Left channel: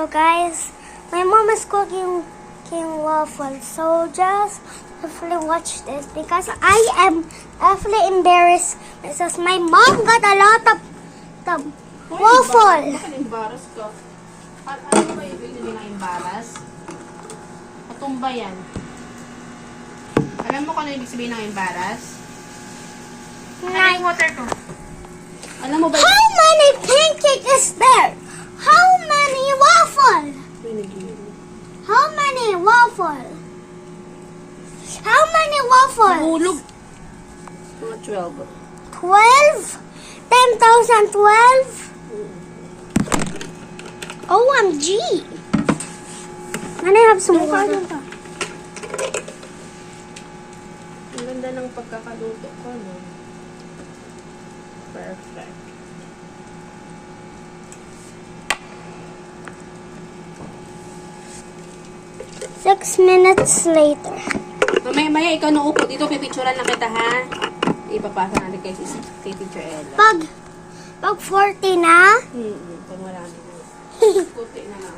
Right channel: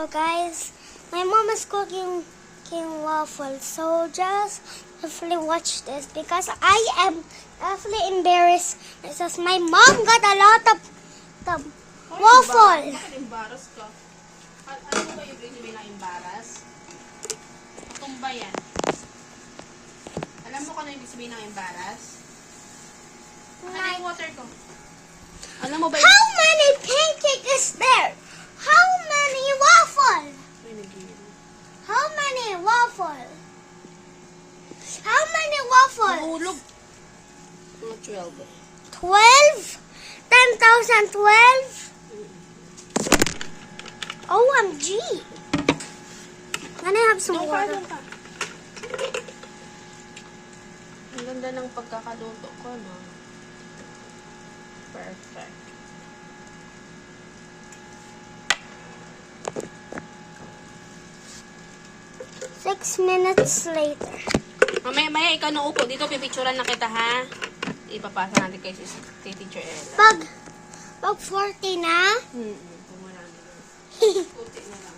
So guys, my mom is cooking waffles. So just hopefully watch this because I am definitely embarrassed because my mom got a lot of waffle. Bakit embarrass ka? Ano ba yung ibig sabihin ng embarrass? Katumba yan. Alam mo kung ano ibig sabihin ng embarrass? Ano yung water ko? Alam mo ba yung... How many pancake is there? How many waffle? How many waffle? How many waffle? Mahulog. Mga 12. 12? 10,012? OMG! Can I have some water? Ang ganda ng pagkakaluto ko, no? Perfect. Six minutes later. Mamaya ikaw na upo. Dito pipicturean na kita, ha? Ipapasa natin kay Teacher Ella. Pag 40 na, Pag marami na. Puti na lang.